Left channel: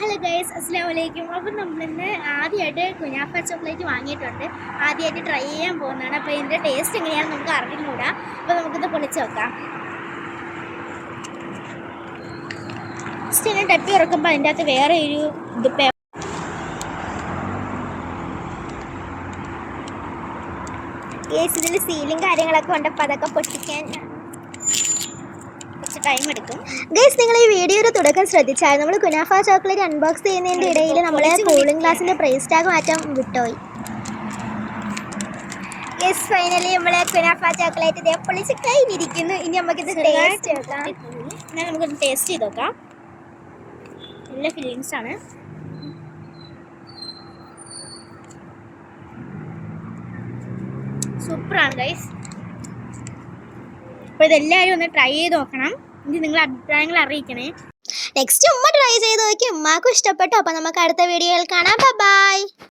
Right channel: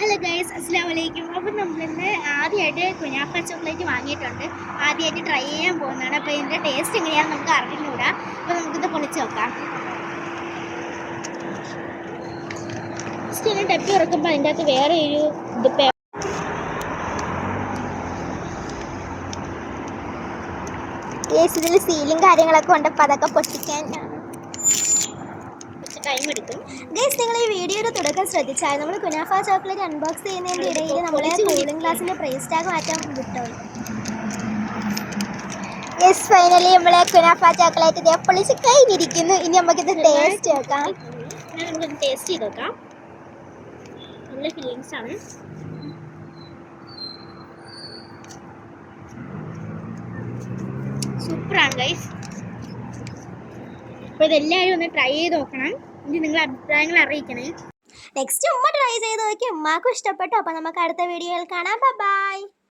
Hello guys, അസ്സലാമു അലൈക്കും. അപ്പോൾ നമ്മളിന്ന് ആദ്യമായിട്ട് കുനാഫ ചോക്ലേറ്റ് വാങ്ങിയിട്ടുണ്ട്. ആദ്യമായിട്ട് ട്രൈ ചെയ്യാൻ പോകുന്നതാണ്. അപ്പോൾ ഇതിൻ്റെ ടേസ്റ്റ് എങ്ങനെയാണെന്ന് നമുക്ക് അറിഞ്ഞുകൂടാ. അപ്പോൾ നമുക്കിത് പൊളിച്ച് നോക്കാം. ഫസ്റ്റ് ഇതിനെ ടപ്പി ഇറക്കുമ്പോൾ അതിൻ്റെ അകത്ത് വേറെ ഒരു ഗൈസ്, ഇതിൽ സീലും കാര്യങ്ങളൊക്കെ ഉണ്ട്. അപ്പോൾ അതൊക്കെ പൊട്ടിക്കാൻ ടൈം എടുക്കും. ഗൈസ്, നിങ്ങൾ ഈ വീഡിയോയുടെ തുടക്കം ശ്രദ്ധിച്ചാൽ നമ്മൾ കുനാഫ ചോക്ലേറ്റ് അൺബോക്സ് ചെയ്യുന്നതിൻ്റെ ഇടയിൽ നമ്മളെ കൂളിംഗ് ഗ്ലാസിൻ്റെ പ്രൈസ് ടാഗ് മാറ്റാൻ വിട്ടുപോയി. ഗൈസ്, ഫൈനലി നമ്മളെ കുനാഫ ചോക്ലേറ്റ് ഇതേ പൊളിച്ച് കഴിഞ്ഞിരിക്കുന്നു. ഇനി നമുക്കിത് ടേസ്റ്റ് നോക്കാം. നമുക്കൊന്ന് ടേസ്റ്റ് ചെയ്ത് നോക്കാം. നല്ല ഫീലിങ്സ് ആണ്. സൂപ്പറാണ് ഗൈസ്. അപ്പോൾ ഇതെല്ലാവരും ഒന്ന് ട്രൈ ചെയ്ത് നോക്കണം. ഇനി നിങ്ങളുടെ അഭിപ്രായങ്ങൾ അറിയിക്കണേ. നെക്സ്റ്റ് ഉമ്മ ട്രൈ ചെയ്ത് നോക്കി ഉമ്മാക്കും ഇഷ്ടപ്പെട്ടു. അപ്പോൾ നമുക്ക് അടുത്ത വീഡിയോയിൽ കാണാം. ബൈ.